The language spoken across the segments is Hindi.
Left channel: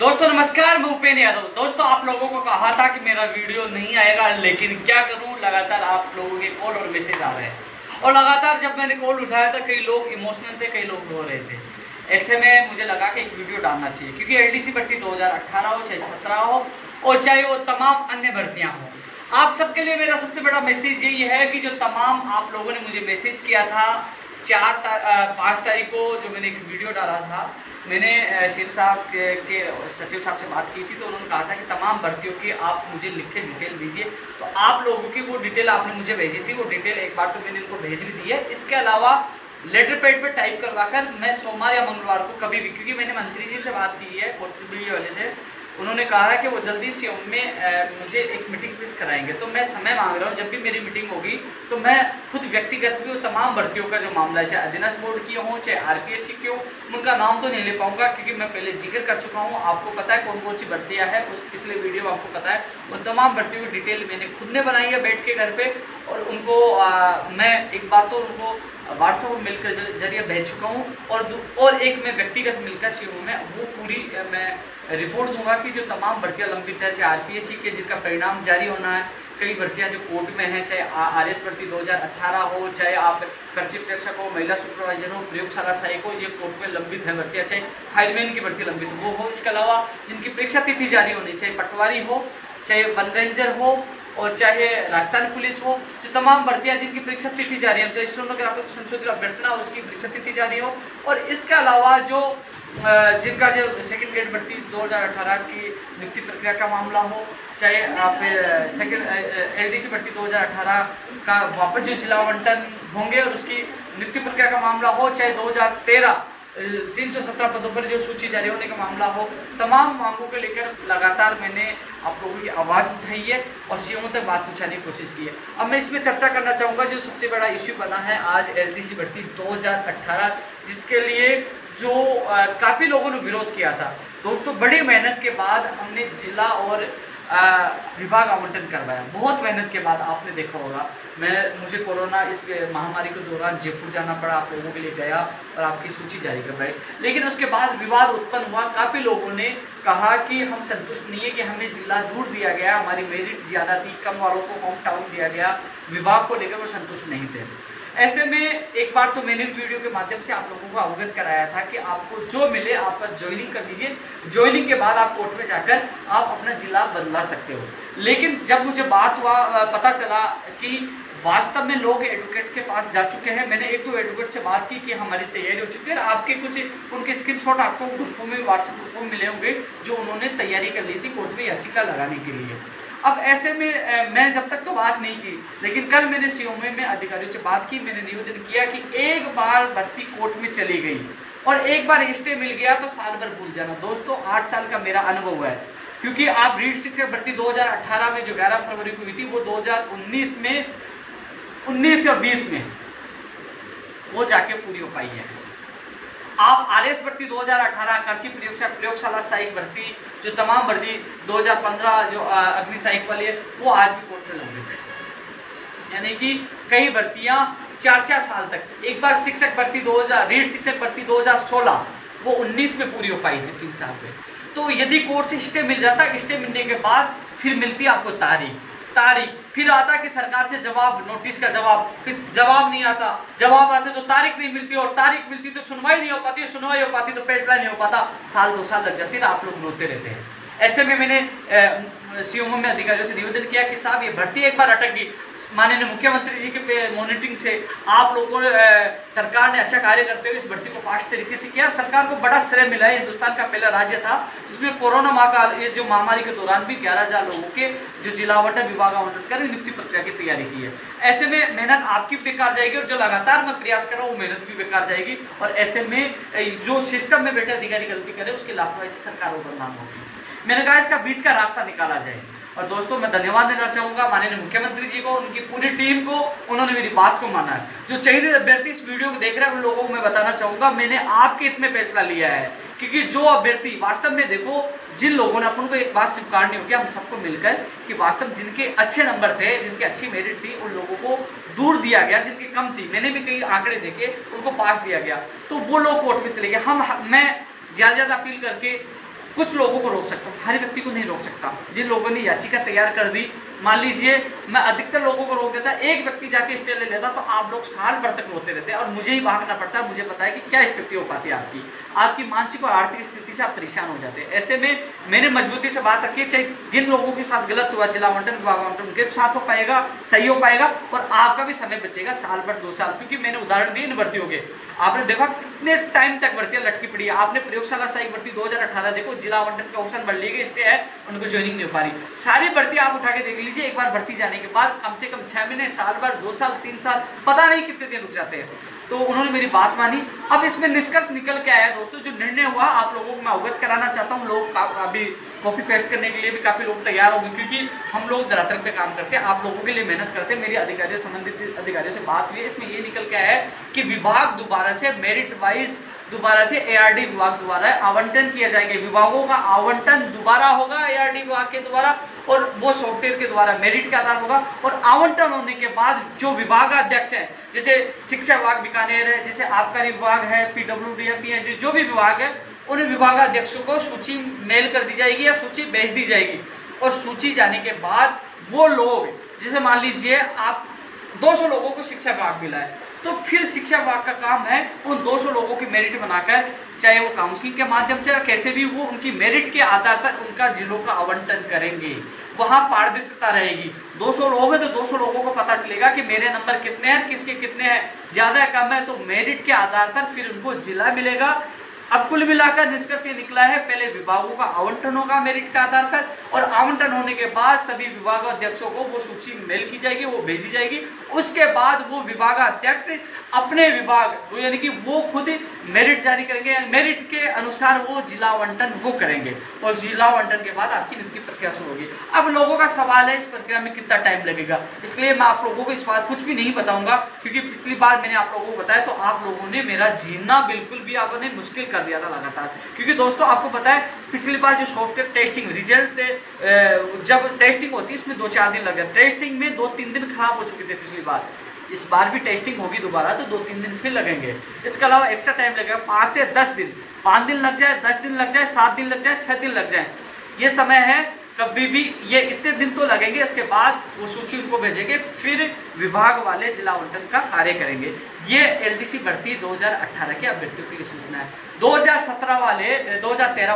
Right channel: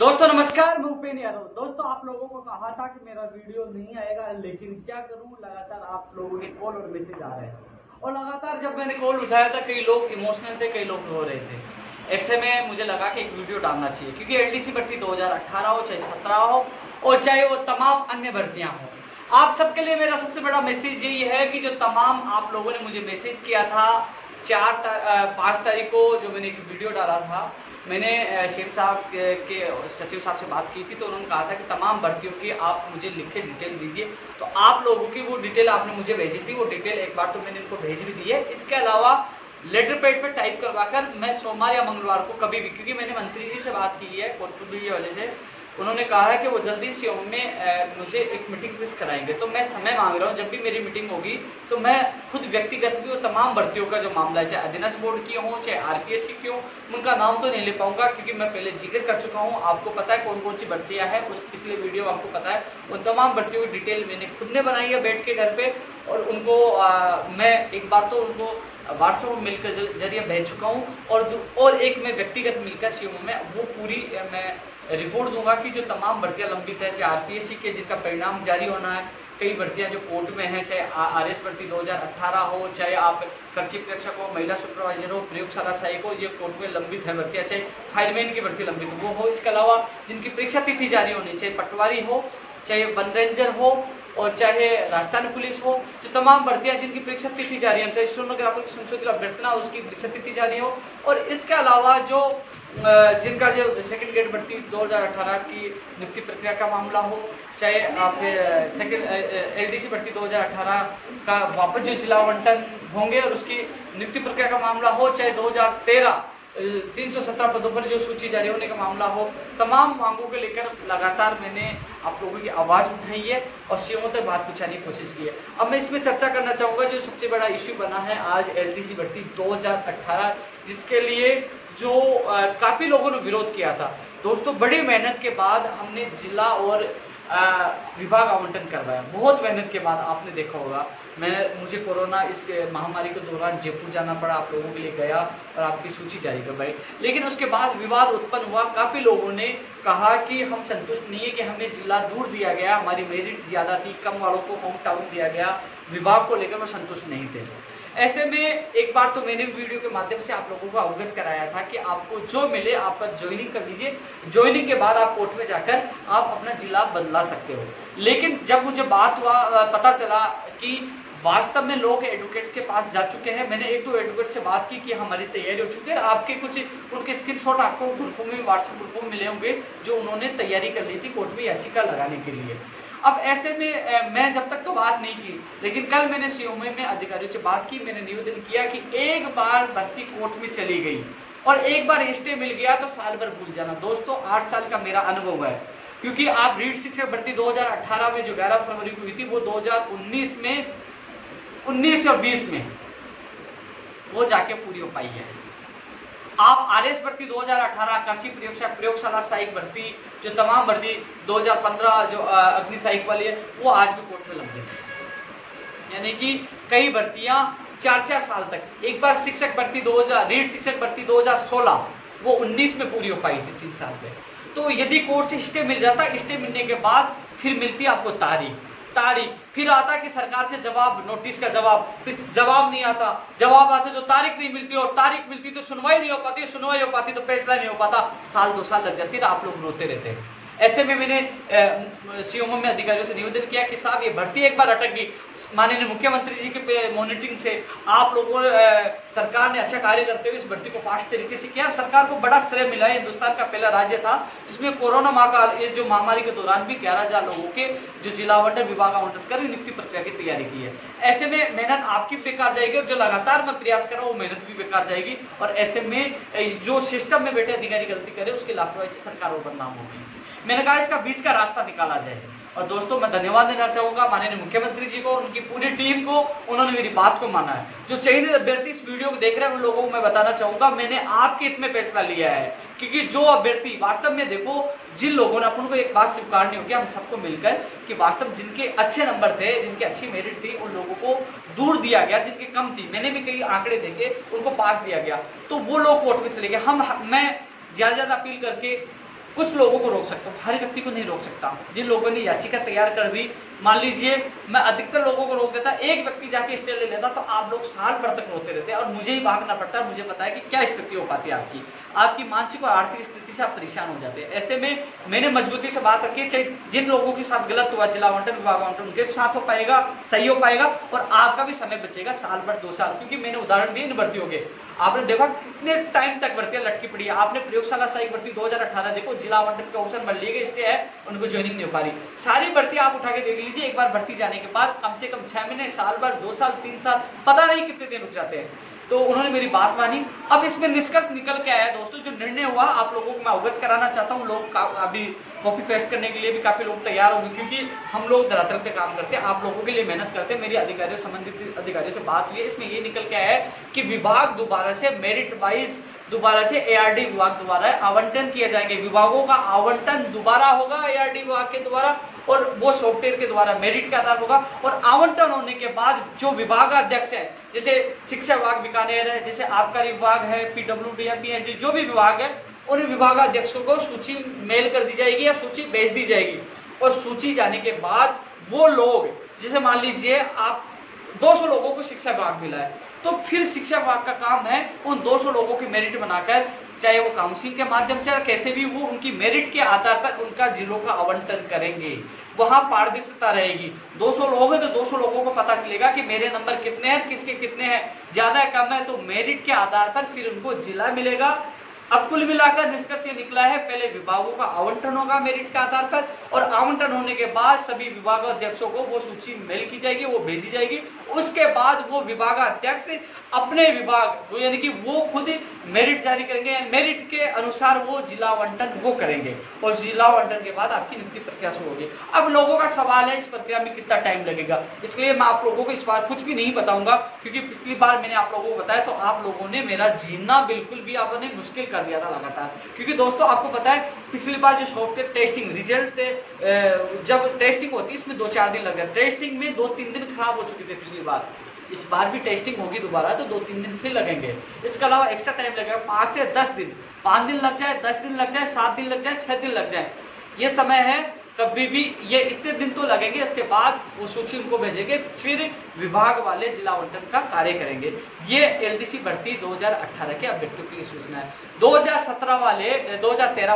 दोस्तों नमस्कार, मैं उपेंद्र यादव। दोस्तों आप लोगों को कहा था कि मेरा वीडियो नहीं आएगा, लेकिन क्या करूं, लगातार आप लोगों के कॉल और मैसेज आ रहे हैं और लगातार जब मैंने कॉल उठाया था कई लोग इमोशनल थे, कई लोग रो रहे थे। ऐसे में मुझे लगा कि एक वीडियो डालना चाहिए, क्योंकि एलडीसी भर्ती 2018 हो चाहे 17 हो और चाहे वो तमाम अन्य भर्तियां हो, आप सबके लिए मेरा सबसे बड़ा मैसेज यही है कि जो तमाम आप लोगों ने मुझे मैसेज किया था 5 तारीख को, जो मैंने एक वीडियो डाला था, मैंने शेख साहब के सचिव साहब से बात की थी, तो उन्होंने कहा था कि तमाम भर्तियों की आप मुझे लिख के डिटेल दीजिए। तो आप लोगों की वो डिटेल आपने मुझे भेजी थी, वो डिटेल एक बार तो मैंने इनको भेज भी दी है। इसके अलावा लेटर पैड पे टाइप करवाकर मैं सोमवार या मंगलवार को कभी भी, क्योंकि मैंने मंत्री जी से बात की है कोटपुर वाले से, उन्होंने कहा है कि वो जल्दी से में मुझे एक मीटिंग फिक्स कराएंगे। तो मैं समय मांग रहा हूँ, जब भी मेरी मीटिंग होगी तो मैं खुद व्यक्तिगत भी वो तमाम भर्तियों का जो मामला है, चाहे अधीनस्थ बोर्ड की हो चाहे आरपीएससी की हो, उनका नाम तो नहीं ले पाऊंगा क्योंकि मैं पहले जिक्र कर चुका हूँ। आपको पता है कौन कौन सी भर्तियाँ हैं, उस पिछले वीडियो में आपको पता है। उन तमाम भर्तियों की डिटेल मैंने खुद ने बनाई है बैठ के घर पे, और उनको मैं एक बार तो उनको व्हाट्सएप मेल के जरिए भेज चुका हूँ, और एक मैं व्यक्तिगत मिलकर सीएमओ में वो पूरी मैं रिपोर्ट दूंगा कि जो तमाम भर्तियां लंबित है, चाहे आरपीएससी के जिनका परिणाम जारी होना है, कई भर्तियां जो कोर्ट में हैं, चाहे आरएस भर्ती 2018 हो, चाहे आप कृषि प्रेक्षक हो, महिला सुपरवाइजर हो, प्रयोगशाला सहायक हो, ये कोर्ट में लंबित है भर्तियां, चाहे फायरमैन की भर्ती लंबित वो हो। इसके अलावा जिनकी परीक्षा तिथि जारी होनी, चाहे पटवारी हो, चाहे वन रेंजर हो, और चाहे राजस्थान पुलिस हो, जो तमाम भर्तियां जिनकी परीक्षा तिथि जारी है, चाहे स्टेनोग्राफर की संशोधित अभ्यर्थना उसकी परीक्षा तिथि जारी हो, और इसके अलावा जो जिनका जो सेकंड ग्रेड भर्ती 2018 की नियुक्ति प्रक्रिया का मामला हो, चाहे आप सेकंड एलडीसी भर्ती 2018 का वापस जो जिला आवंटन होंगे और उसकी नियुक्ति प्रक्रिया का मामला हो, चाहे 2013 317 पदों पर जो सूची जारी होने का मामला हो, तमाम मांगों को लेकर लगातार मैंने आप लोगों की आवाज उठाई है और सीएमओ तक बात पहुंचाने की कोशिश की है। अब मैं इसमें चर्चा करना चाहूंगा जो सबसे बड़ा इश्यू बना है आज एलडीसी भर्ती 2018, जिसके लिए जो काफी लोगों ने विरोध किया था। दोस्तों बड़ी मेहनत के बाद हमने जिला और विभाग आवंटन करवाया, बहुत मेहनत के बाद। आपने देखा होगा मुझे कोरोना इस महामारी के दौरान जयपुर जाना पड़ा, आप लोगों के लिए गया और आपकी सूची जारी करवाई, लेकिन उसके बाद विवाद उत्पन्न हुआ। काफी लोगों ने कहा कि हम संतुष्ट नहीं है कि हमें जिला दूर दिया गया, हमारी मेरिट ज्यादा थी, कम वालों को होम टाउन दिया गया, विभाग को लेकर वो संतुष्ट नहीं थे। ऐसे में एक बार तो मैंने वीडियो के माध्यम से आप लोगों को अवगत कराया था कि आपको जो मिले आप ज्वाइनिंग कर लीजिए, ज्वाइनिंग के बाद आप कोर्ट में जाकर आप अपना जिला बदला सकते हो। लेकिन जब मुझे बात हुआ, पता चला कि वास्तव में लोग एडवोकेट्स के पास जा चुके हैं, मैंने एक दो एडवोकेट से बात की कि हमारी तैयारी हो चुकी है, आपके कुछ उनके स्क्रीनशॉट आपको ग्रुपों में, व्हाट्सएप ग्रुपों में मिले होंगे जो उन्होंने तैयारी कर ली थी कोर्ट में याचिका लगाने के लिए। अब ऐसे में मैं जब तक तो बात नहीं की, लेकिन कल मैंने सीओ में अधिकारियों से बात की, मैंने निवेदन किया कि एक बार भर्ती कोर्ट में चली गई और एक बार स्टे मिल गया तो साल भर भूल जाना। दोस्तों 8 साल का मेरा अनुभव है, क्योंकि आप रीड शिक्षक भर्ती 2018 में जो 11 फरवरी को हुई थी, वो 2019 में 19 और 20 में वो जाके पूरी हो पाई है। आप आरएस भर्ती 2018 कृषि प्रयोगशाला सहायक भर्ती, जो तमाम भर्ती 2015 जो अग्नि सहायक वाली है, वो आज भी कोर्ट में लंबित है। यानी कि कई भर्तियां 4-4 साल तक। एक बार शिक्षक भर्ती 2000 रीड शिक्षक भर्ती 2016 वो 19 में पूरी हो पाई थी, 3 साल में। तो यदि कोर्ट से स्टे मिल जाता, स्टे मिलने के बाद फिर मिलती आपको तारीख, फिर आता कि सरकार से जवाब, नोटिस का जवाब, फिर जवाब नहीं आता, जवाब आते तो तारीख नहीं मिलती, और तारीख मिलती तो सुनवाई नहीं हो पाती, सुनवाई हो पाती तो फैसला नहीं हो पाता, साल 2 साल लग जाती, आप लोग रोते रहते हैं। ऐसे में मैंने सीएमओ में अधिकारियों से निवेदन किया कि साहब ये भर्ती एक बार अटक गई, माननीय मुख्यमंत्री जी के मॉनिटरिंग से आप लोगों सरकार ने अच्छा कार्य करते हुए इस भर्ती को फास्ट तरीके से किया। सरकार को बड़ा श्रेय मिला है, हिंदुस्तान का पहला राज्य था जिसमें कोरोना ये जो महामारी के दौरान भी 11,000 लोगों के जो जिला आवंटन विभाग आवंटन कर नियुक्ति प्रक्रिया की तैयारी की है। ऐसे में मेहनत आपकी बेकार जाएगी और जो लगातार मैं प्रयास कर रहा हूँ वो मेहनत भी बेकार जाएगी, और ऐसे में जो सिस्टम में बैठे अधिकारी गलती करे उसकी लापरवाही से सरकार को बदनाम होगी। मैंने कहा इसका बीच का रास्ता निकाला जाए। और दोस्तों मैं धन्यवाद देना चाहूंगा माननीय मुख्यमंत्री जी को, उनकी पूरी टीम को, उन्होंने मेरी बात को माना है। जो चयनित अभ्यर्थी इस वीडियो को देख रहे हैं उन लोगों को मैं बताना चाहूंगा, मैंने आपके हित में फैसला लिया है, क्योंकि जो अभ्यर्थी वास्तव में, देखो जिन लोगों ने, अपन को एक बात स्वीकारनी होगी हम सबको मिलकर, कि वास्तव जिनके अच्छे नंबर थे, जिनकी अच्छी मेरिट थी, उन लोगों को दूर दिया गया, जिनकी कम थी, मैंने भी कई आंकड़े देखे, उनको पास दिया गया, तो वो लोग कोर्ट में चले गए। मैं ज्यादा अपील करके कुछ लोगों को रोक सकता हूँ, हर व्यक्ति को नहीं रोक सकता। जिन लोगों ने याचिका तैयार कर दी, मान लीजिए मैं अधिकतर लोगों को रोक देता, एक व्यक्ति जाके स्टे ले लेता तो आप लोग साल भर तक रोते रहते और मुझे ही भागना पड़ता है। मुझे पता है कि क्या स्थिति हो पाती है आपकी मानसिक और आर्थिक स्थिति से आप परेशान हो जाते हैं। ऐसे में मैंने मजबूती से बात रखी, चाहे जिन लोगों के साथ गलत हुआ जिला आवंटन विभाग आवंटन उनके साथ हो पाएगा, सही हो पाएगा और आपका भी समय बचेगा साल भर 2 साल। क्योंकि मैंने उदाहरण दिए इन भर्तियों के, आपने देखा कितने टाइम तक भर्तियां लटकी पड़ी है। आपने प्रयोगशाला सहायक भर्ती 2018 देखो, जिला आवंटन के ऑप्शन भर लिए गए, स्टे है, उनको ज्वाइनिंग नहीं हो पा रही। सारी भर्ती आप उठा के देख लीजिए, एक बार भर्ती जाने के बाद कम से कम 6 महीने, साल भर, 2 साल, 3 साल, पता नहीं कितने दिन रुक जाते हैं। तो उन्होंने मेरी बात मानी। अब इसमें निष्कर्ष निकल के आया दोस्तों, जो निर्णय हुआ आप लोगों को मैं अवगत कराना चाहता हूँ। लोग अभी कॉपी पेस्ट करने के लिए भी काफी लोग तैयार होंगे, क्योंकि हम लोग धरातल पे काम करते हैं, आप लोगों के लिए मेहनत करते हैं। मेरी अधिकारियों, संबंधित अधिकारियों से बात हुई है, इसमें ये निकल के आया है कि विभाग दोबारा से मेरिट वाइज दोबारा से एआरडी विभाग द्वारा आवंटन किए जाएंगे। विभागों का आवंटन दोबारा होगा एआरडी विभाग के द्वारा और वो सॉफ्टवेयर के द्वारा मेरिट के आधार होगा। और आवंटन होने के बाद जो विभाग अध्यक्ष है, जैसे शिक्षा विभाग बीकानेर है, जैसे आबकारी विभाग है, पीडब्ल्यूडी है, पीएचडी, जो भी विभाग है, उन विभागाध्यक्षों को सूची मेल कर दी जाएगी या सूची भेज दी जाएगी। और सूची जाने के बाद वो लोग, जैसे मान लीजिए आप 200 लोगों को शिक्षा विभाग मिला है, तो फिर शिक्षा विभाग का काम है उन 200 लोगों की मेरिट बनाकर, चाहे वो काउंसिलिंग के माध्यम से कैसे भी, वो उनकी मेरिट के आधार पर उनका जिलों का आवंटन करेंगे। वहां पारदर्शिता रहेगी। 200 लोग हैं तो 200 लोगों को पता चलेगा कि मेरे नंबर कितने हैं, किसके कितने हैं, ज्यादा है कम है, तो मेरिट के आधार पर फिर उनको जिला मिलेगा। अब कुल मिलाकर निष्कर्ष ये निकला है, पहले विभागों का आवंटन होगा मेरिट के आधार पर, और आवंटन होने के बाद सभी विभागाध्यक्षों को वो सूची मेल की जाएगी, वो भेजी जाएगी। उसके बाद वो विभागाध्यक्ष अपने विभाग यानी कि वो खुद मेरिट जारी करेंगे, मेरिट के अनुसार वो जिला आवंटन वो करेंगे और जिला आवंटन के बाद आपकी नियुक्ति प्रक्रिया शुरू होगी। अब लोगों का सवाल है इस प्रक्रिया में कितना टाइम लगेगा, इसलिए मैं आप लोगों को इस बार कुछ भी नहीं बताऊंगा, क्योंकि पिछली बार मैंने आप लोगों को बताया तो आप लोगों ने मेरा जीना बिल्कुल भी आपने मुश्किल कर दिया था लगातार। क्योंकि दोस्तों आपको पता है पिछली बार जो सॉफ्टवेयर टेस्टिंग रिजल्ट जब टेस्टिंग होती है इसमें 2-4 दिन लग गए, टेस्टिंग में 2-3 दिन खराब हो चुके थे पिछली बार। इस बार भी टेस्टिंग होगी दोबारा तो 2-3 दिन फिर लगेंगे। इसके अलावा एक्स्ट्रा टाइम लगेगा 5 से 10 दिन, 5 दिन लग जाए, 10 दिन लग जाए, 7 दिन लग जाए, 6 दिन लग जाए, ये समय है। कभी भी ये इतने दिन तो लगेंगे। इसके बाद वो सूची उनको भेजेंगे, फिर विभाग वाले जिला आवंटन का कार्य करेंगे। ये एलडीसी भर्ती 2018 के अभ्यर्थियों की सूचना है। 2013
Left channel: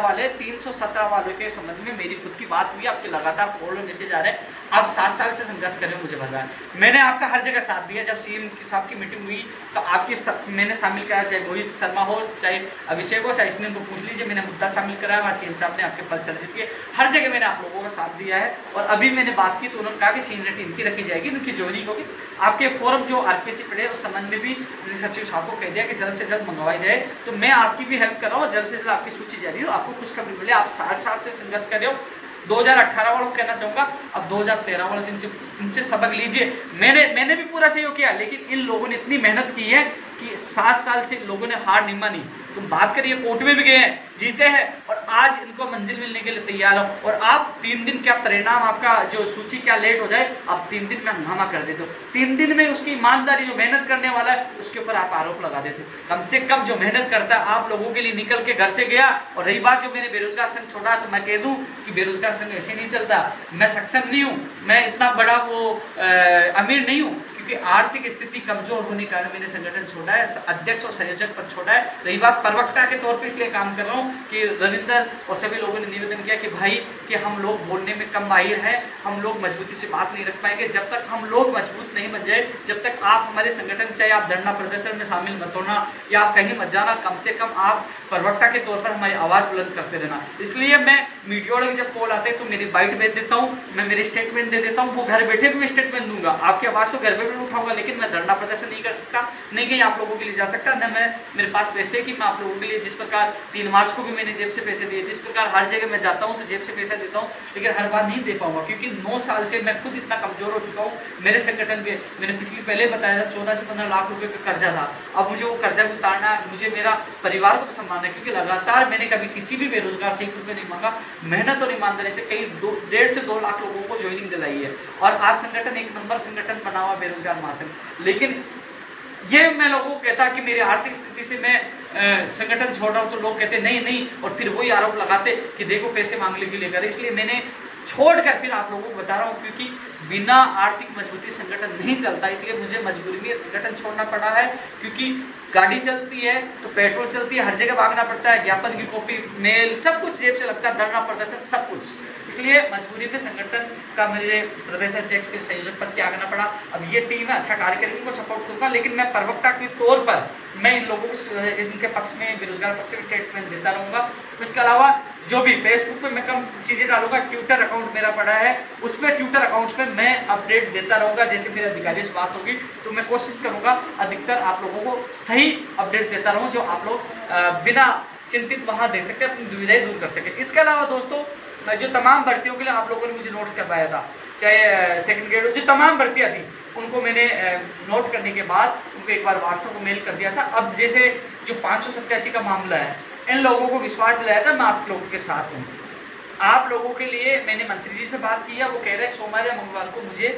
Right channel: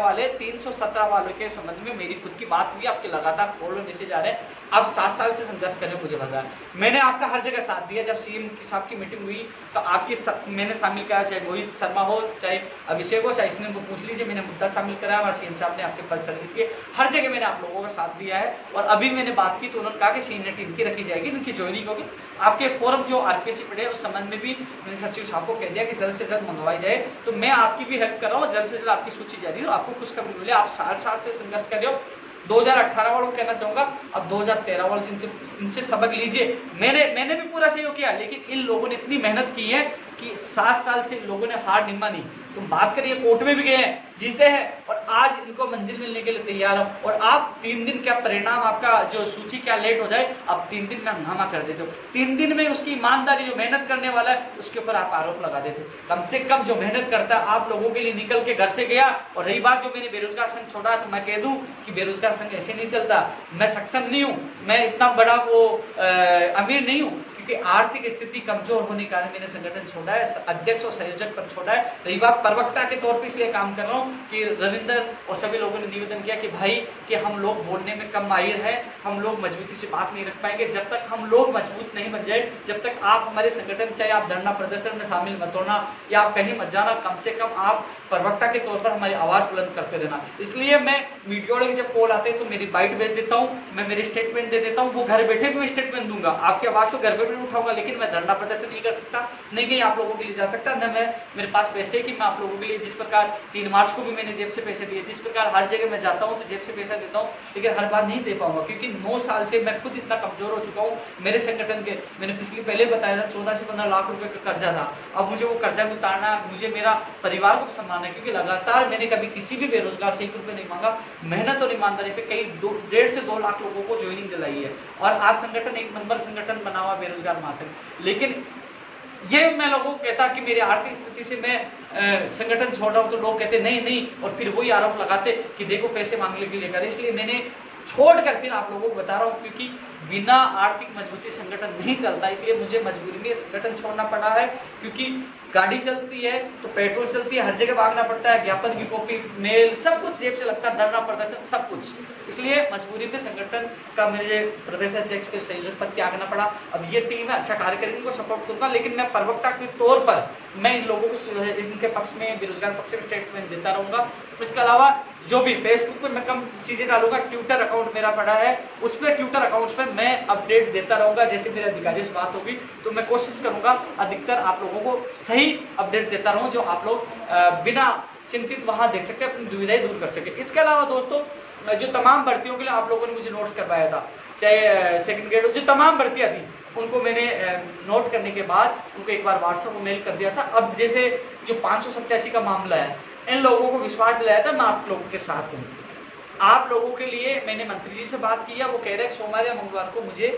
वाले 317 वालों के संबंध में मेरी खुद की बात हुई, आपके लगातार कॉल और मैसेज आ रहे हैं। आप 7 साल से संघर्ष कर रहे हो, मुझे पता है। मैंने आपका हर जगह साथ दिया। जब सीएम साहब की मीटिंग हुई तो आपकी मैंने शामिल कराया, चाहे रोहित शर्मा हो, चाहे अभिषेक हो, चाहे इसने को पूछ लीजिए, मैंने मुद्दा शामिल कराया और सीएम साहब ने आपके पद सर्जित किए। हर जगह मैंने आप लोगों का साथ दिया है। और अभी मैंने बात की तो उन्होंने कहा कि सीनियरिटी इनकी रखी जाएगी, इनकी ज्वाइनिंग होगी। आपके फॉर्म जो आरपीसी पड़े उस संबंध में भी मैंने सचिव साहब को कह दिया कि जल्द से जल्द मंगवाई जाए। तो मैं आपकी भी हेल्प कर रहा हूँ, जल्द से जल्द आपकी सूची जारी हो, आपको खुशखबरी मिले। आप 7 साल से संघर्ष कर रहे हो। 2018 वालों को कहना चाहूंगा, अब 2013 वालों से इनसे सबक लीजिए। मैंने भी पूरा सहयोग किया, लेकिन इन लोगों ने इतनी मेहनत की है कि 7 साल से लोगों ने हार नहीं मानी। तुम बात करिए, कोर्ट में भी गए हैं, जीते हैं, और आज इनको मंजिल मिलने के लिए तैयार हो। और आप 3 दिन क्या परिणाम, आपका जो सूची क्या लेट हो जाए, आप 3 दिन में हंगामा कर देते हो। 3 दिन में उसकी ईमानदारी, जो मेहनत करने वाला है उसके ऊपर आप आरोप लगा देते। कम से कम जो मेहनत करता है, आप लोगों के लिए निकल के घर से गया। और रही बात जो मैंने बेरोजगार संघ छोड़ा, तो मैं कह दूं कि बेरोजगार संघ ऐसे नहीं चलता। मैं सक्षम नहीं हूं, मैं इतना बड़ा वो अमीर नहीं हूं, क्योंकि आर्थिक स्थिति कमजोर होने के कारण मैंने संगठन छोड़ा है, अध्यक्ष और संयोजक पर छोड़ा है। रही बात प्रवक्ता के तौर पे इसलिए काम कर रहा हूँ कि रविंदर और सभी लोगों ने निवेदन किया कि भाई कि हम लोग बोलने में कम माहिर है, हम लोग मजबूती से बात नहीं रख पाएंगे। जब तक हम लोग मजबूत नहीं बन जाए, जब तक आप हमारे संगठन, चाहे आप धरना प्रदर्शन में शामिल मत होना या आप कहीं मत जाना, कम से कम आप प्रवक्ता के तौर पर हमारी आवाज बुलंद करते रहना। इसलिए मैं मीडिया वाले जब कॉल आते हैं तो मेरी बाइट भेज देता हूँ, मैं मेरी स्टेटमेंट दे देता हूँ। वो घर बैठे भी मैं स्टेटमेंट दूंगा, आपकी आवाज को घर पे भी उठाऊंगा, लेकिन मैं धरना प्रदर्शन नहीं कर सकता, नहीं कहीं आप लोगों के लिए जा सकता, न मैं मेरे पास पैसे कि मैं आप लोगों के लिए, जिस प्रकार 3 मार्च को भी मैंने जेब से पैसे दिए, जिस प्रकार हर जगह मैं जाता हूँ तो जेब से पैसा देता हूँ, लेकिन हर बार नहीं दे पाऊंगा, क्योंकि 9 साल से मैं खुद इतना कमजोर हो चुका हूँ। मेरे संगठन के, मैंने पिछले पहले बताया था, 14 से 15 लाख रुपए का कर्जा था। अब मुझे वो कर्जा भी उतारना है, मुझे मेरा परिवार को संभालना है, क्योंकि लगातार मैंने कभी किसी भी बेरोजगार से 1 रुपये नहीं मांगा। मेहनत और ईमानदारी से कई 1.5 से 2 लाख लोगों को ज्वाइनिंग दिलाई है, और आज संगठन 1 नंबर संगठन बना हुआ बेरोजगार महासंघ। लेकिन ये मैं लोगों को कहता कि मेरी आर्थिक स्थिति से मैं संगठन छोड़ रहा हूं, तो लोग कहते नहीं नहीं, और फिर वही आरोप लगाते कि देखो पैसे मांगने के लिए कर। इसलिए मैंने छोड़कर फिर आप लोगों को बता रहा हूं, क्योंकि बिना आर्थिक मजबूती संगठन नहीं चलता। इसलिए मुझे मजबूरी में संगठन छोड़ना पड़ा है, क्योंकि गाड़ी चलती है तो पेट्रोल चलती है, हर जगह भागना पड़ता है, ज्ञापन की कॉपी, मेल, सब कुछ जेब से लगता है, धरना प्रदर्शन सब कुछ। इसलिए मजबूरी में संगठन का मुझे प्रदेश अध्यक्ष के संयोजक पद त्यागना पड़ा। अब ये टीम है, अच्छा कार्य करेगी, उनको सपोर्ट दूंगा, लेकिन मैं प्रवक्ता के तौर पर मैं इन लोगों को इनके पक्ष में, बेरोजगार पक्ष में स्टेटमेंट देता रहूंगा। इसके अलावा जो भी फेसबुक पे मैं कम चीजें डालूंगा, ट्विटर अकाउंट मेरा पड़ा है, उसमें ट्विटर अकाउंट पे मैं अपडेट देता रहूंगा। जैसे मेरे अधिकारी से बात होगी तो मैं कोशिश करूंगा अधिकतर आप लोगों को सही अपडेट देता रहूं, जो आप लोग बिना चिंतित वहां दे सकते, अपनी दुविधाएं दूर कर सके। इसके अलावा दोस्तों, जो तमाम भर्तियों के लिए आप लोगों ने मुझे नोट्स करवाया था, चाहे सेकंड ग्रेड, जो तमाम भर्तियां थी उनको मैंने नोट करने के बाद उनको एक बार व्हाट्सएप को मेल कर दिया था। अब जैसे जो 587 का मामला है, इन लोगों को विश्वास दिलाया था मैं आप लोगों के साथ हूँ। आप लोगों के लिए मैंने मंत्री जी से बात की है, वो कह रहे हैं सोमवार या मंगलवार को मुझे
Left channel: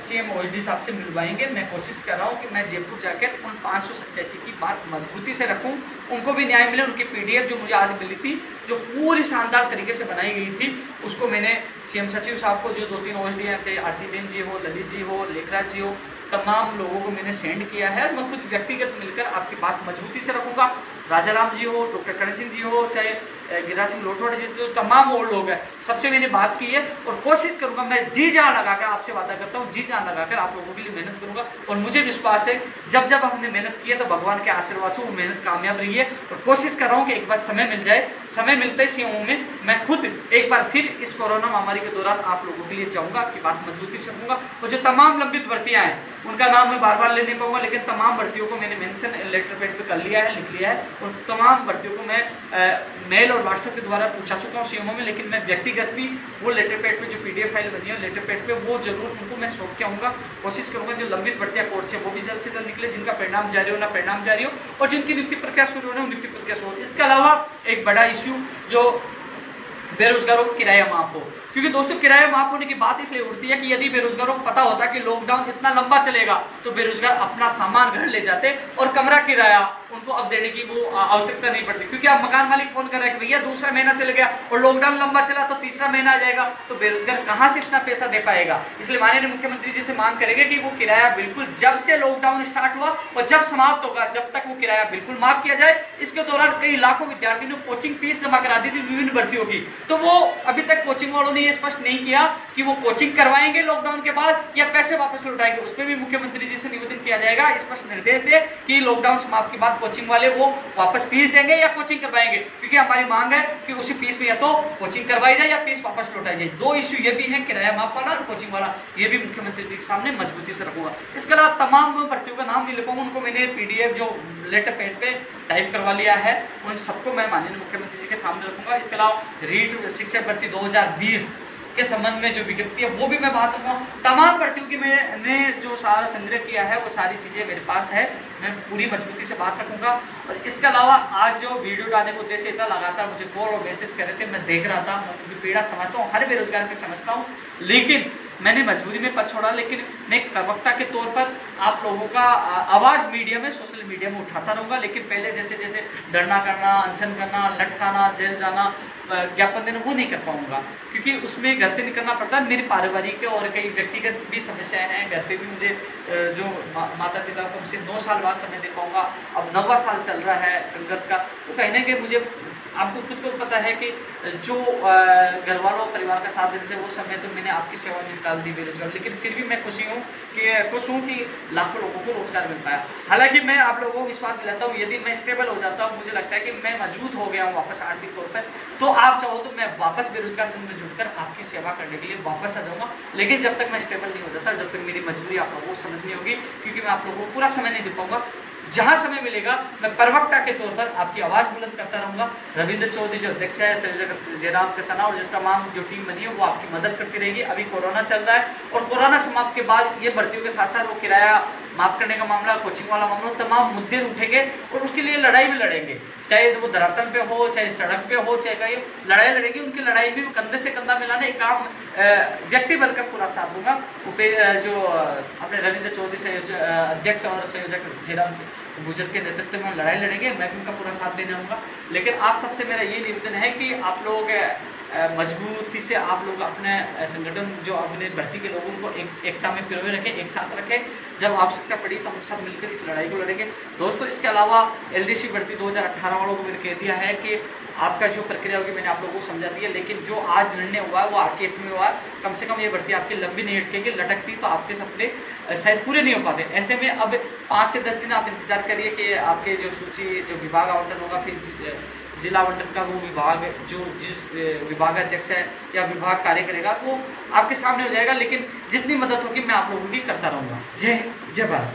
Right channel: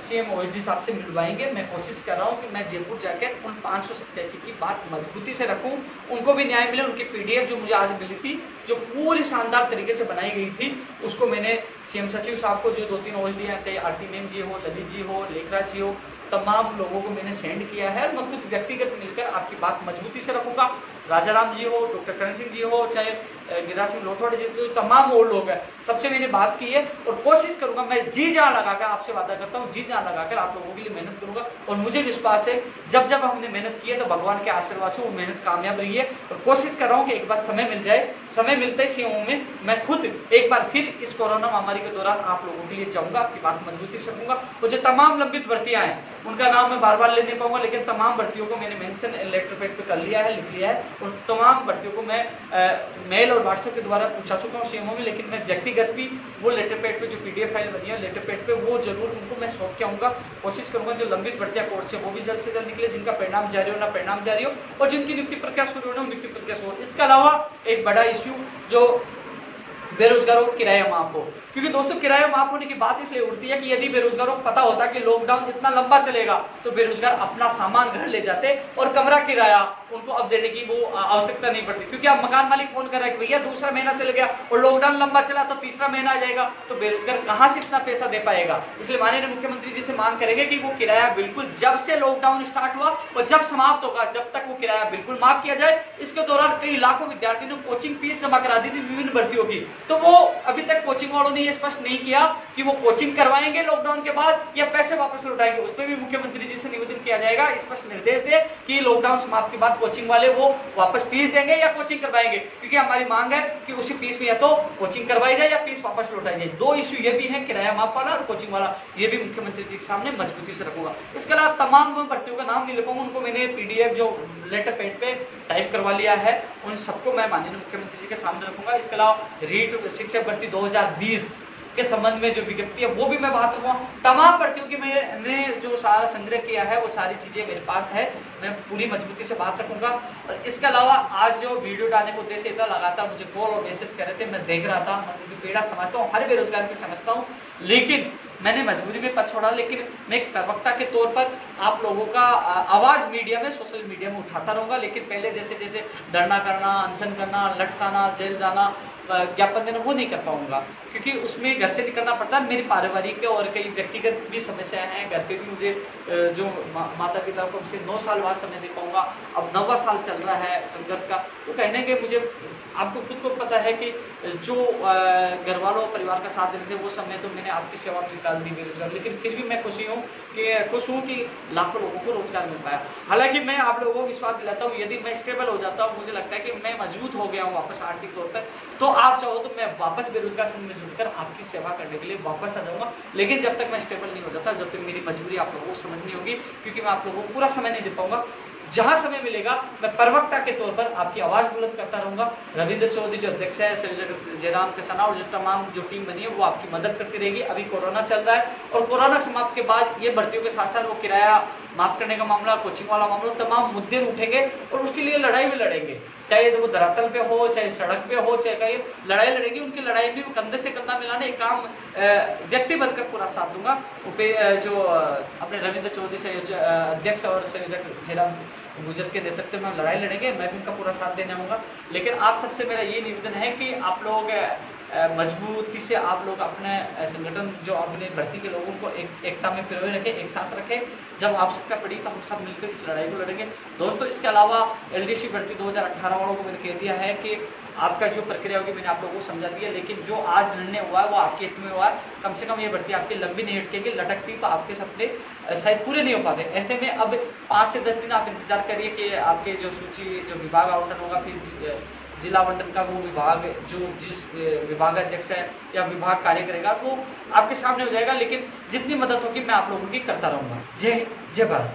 सीएम ओएसडी साहब से मिलवाएंगे। मैं कोशिश कर रहा हूँ कि मैं जयपुर जाकर उन 587 की बात मजबूती से रखूँ, उनको भी न्याय मिले। उनकी पीडीएफ जो मुझे आज मिली थी, जो पूरी शानदार तरीके से बनाई गई थी, उसको मैंने सीएम सचिव साहब को, जो 2-3 ओएसडी हैं, आरती बेन जी हो, ललित जी हो, लेखराज जी हो, तमाम लोगों को मैंने सेंड किया है। मैं खुद व्यक्तिगत मिलकर आपकी बात मजबूती से रखूंगा। राजा राम जी हो, डॉक्टर करण सिंह जी हो, चाहे गिरिराज सिंह लोटवाड़े जी, तो तमाम वो लोग हैं, सबसे मैंने बात की है और कोशिश करूंगा, मैं जी जान लगाकर आपसे वादा करता हूँ, जी जान लगाकर आप लोगों के लिए मेहनत करूंगा। और मुझे विश्वास है जब जब हमने मेहनत की है तो भगवान के आशीर्वाद से वो मेहनत कामयाब रही है। और कोशिश कर रहा हूँ कि एक बार समय मिल जाए, समय मिलते ही सीएमओ में मैं खुद एक बार फिर इस कोरोना महामारी के दौरान आप लोगों के लिए जाऊंगा, आपकी बात मजबूती से रखूंगा। और जो तमाम लंबित भर्तियां हैं उनका नाम मैं बार बार ले नहीं पाऊंगा, लेकिन तमाम भर्तियों को मैंने मेंशन लेटर पैड पे कर लिया है, लिख लिया है, और तमाम भर्तियों को मैं मेल और व्हाट्सएप के द्वारा पूछा चुका हूँ सीएमओ में। लेकिन मैं व्यक्तिगत भी वो लेटर पैड पे जो पीडीएफ फाइल बनी है लेटर पैड पे, वो जरूर उनको मैं सौंप के आऊंगा। कोशिश करूंगा जो लंबित भर्तियां कोर्ट से वो भी जल्द से जल्द निकले, जिनका परिणाम जारी हो ना परिणाम जारी हो, और जिनकी नियुक्ति प्रक्रिया शुरू हो ना नियुक्ति प्रक्रिया शुरू हो। इसके अलावा एक बड़ा इश्यू जो बेरोजगारों को किराया माफ हो, क्योंकि दोस्तों किराया माफ होने की बात इसलिए उठती है कि यदि बेरोजगारों को पता होता कि लॉकडाउन इतना लंबा चलेगा तो बेरोजगार अपना सामान घर ले जाते और कमरा किराया उनको अब देने की वो आवश्यकता नहीं पड़ती। क्योंकि अब मकान मालिक फोन कर रहा है कि भैया दूसरा महीना चल गया और लॉकडाउन लंबा चला तो तीसरा महीना आ जाएगा, तो बेरोजगार कहां से इतना पैसा दे पाएगा। इसलिए माननीय मुख्यमंत्री जी से मांग करेंगे कि वो किराया बिल्कुल जब से लॉकडाउन स्टार्ट हुआ और जब समाप्त होगा जब तक वो किराया बिल्कुल माफ किया जाए। इसके दौरान कई लाखों विद्यार्थियों ने कोचिंग फीस जमा करा दी थी विभिन्न भर्तियों की, तो वो अभी तक कोचिंग वालों ने ये स्पष्ट नहीं किया कि वो कोचिंग करवाएंगे लॉकडाउन के बाद या पैसे वापस लौटाएंगे। उस पर भी मुख्यमंत्री जी से निवेदन किया जाएगा, स्पष्ट निर्देश दे कि लॉकडाउन समाप्त के बाद कोचिंग वाले वो वापस फीस देंगे या कोचिंग करवाएंगे, क्योंकि हमारी मांग है कि उसी फीस में या तो कोचिंग करवाई जाए या फीस वापस लौटाई जाए। दो इश्यू ये भी है, किराया माफ वाला और कोचिंग वाला, ये भी मुख्यमंत्री जी के सामने मजबूती से रखूंगा। इसके अलावा तमाम भर्तियों का नाम नहीं लिखूंगा, उनको मैंने पीडीएफ जो लेटर पैड पे टाइप करवा लिया है, उन सबको मैं माननीय मुख्यमंत्री जी के सामने रखूंगा। इसके अलावा रीट शिक्षक भर्ती 2020 के संबंध में जो विज्ञप्ति है वो भी मैं बात करूंगा। तमाम भर्तियों की मैंने जो सारा संग्रह किया है वो सारी चीजें मेरे पास है, मैं पूरी मजबूती से बात रखूंगा। और इसके अलावा आज जो वीडियो डालने का उद्देश्य था, लगातार मुझे कॉल और मैसेज कर रहे थे, मैं देख रहा था, मैं उनकी पीड़ा समझता हूँ, हर बेरोजगार की समझता हूँ, लेकिन मैंने मजबूरी में पद छोड़ा। लेकिन मैं एक प्रवक्ता के तौर पर आप लोगों का आवाज मीडिया में, सोशल मीडिया में उठाता रहूंगा। लेकिन पहले जैसे जैसे धरना करना, अनशन करना, लटकाना, जेल जाना, ज्ञापन देना, वो नहीं कर पाऊंगा, क्योंकि उसमें घर से निकलना पड़ता है। मेरी पारिवारिक और कई व्यक्तिगत भी समस्याएं हैं, घर पे भी मुझे जो माता पिता को उनसे 9 साल बाद समय दे पाऊंगा, अब 9वां साल चल रहा है संघर्ष का, तो कहीं ना कहीं मुझे, आपको खुद को पता है कि जो घर वालों परिवार का साथ देते थे वो समय तो मैंने आपकी सेवा में निकाल दी बेरोजगार, लेकिन फिर भी मैं खुश हूँ कि लाखों लोगों को रोजगार मिल पाया। हालांकि मैं आप लोगों को विश्वास दिलाता हूँ, यदि मैं स्टेबल हो जाता हूँ, मुझे लगता है कि मैं मजबूत हो गया हूँ वापस आर्थिक तौर पर, तो आप चाहो तो मैं वापस बेरोजगार संघ में जुड़कर आपकी सेवा करने के लिए वापस आ जाऊंगा। लेकिन जब तक मैं स्टेबल नहीं हो जाता, जब तक मेरी मजबूरी आप लोगों को समझ नहीं होगी, क्योंकि मैं आप लोगों को पूरा समय नहीं दे पाऊंगा। जहां समय मिलेगा मैं प्रवक्ता के तौर पर आपकी आवाज बुलंद करता रहूंगा। रविंद्र चौधरी जो अध्यक्ष है, संयोजक जयराम किसाना और जो तमाम जो टीम बनी है वो आपकी मदद करती रहेगी। अभी कोरोना चल रहा है और कोरोना समाप्त के बाद ये भर्तियों के साथ साथ वो किराया माफ करने का मामला, कोचिंग वाला मामला, तमाम मुद्दे उठेंगे और उसके लिए लड़ाई भी लड़ेंगे, चाहे वो धरातल पे हो, चाहे सड़क पे हो, चाहे कहीं लड़ाई लड़ेगी। उनकी लड़ाई भी कंधे से कंधा मिलाने एक काम व्यक्ति बनकर पूरा साथ दूंगा। जो अपने रविंद्र चौधरी अध्यक्ष और संयोजक जयराम गुजर के नेतृत्व में लड़ाई लड़ेंगे, मैं भी उनका पूरा साथ देने आऊंगा। लेकिन आप सबसे मेरा ये निवेदन है कि आप लोग मजबूती से आप लोग अपने संगठन जो अपने भर्ती के लोगों को एकता में पिरोए रखें, एक साथ रखें। जब आवश्यकता पड़ी तो हम सब मिलकर इस लड़ाई को लड़ेंगे। दोस्तों, इसके अलावा एलडीसी भर्ती 2018 वालों को मैंने कह दिया है कि आपका जो प्रक्रिया होगी मैंने आप लोगों को समझा दी है, लेकिन जो आज निर्णय हुआ है वो आपके हित में हुआ है। कम से कम ये भर्ती आपकी लंबी नहीं अटकेगी, लटकती तो आपके सपने शायद पूरे नहीं हो पाते। ऐसे में अब 5 से 10 दिन आप इंतजार करिए कि आपके जो सूची जो विभाग आवंटन होगा, फिर जिला आवंटन का वो विभाग जो जिस विभाग अध्यक्ष है या विभाग कार्य करेगा वो आपके सामने हो जाएगा। लेकिन जितनी मदद होगी मैं आप लोगों की करता रहूंगा। जय हिंद, जय भारत।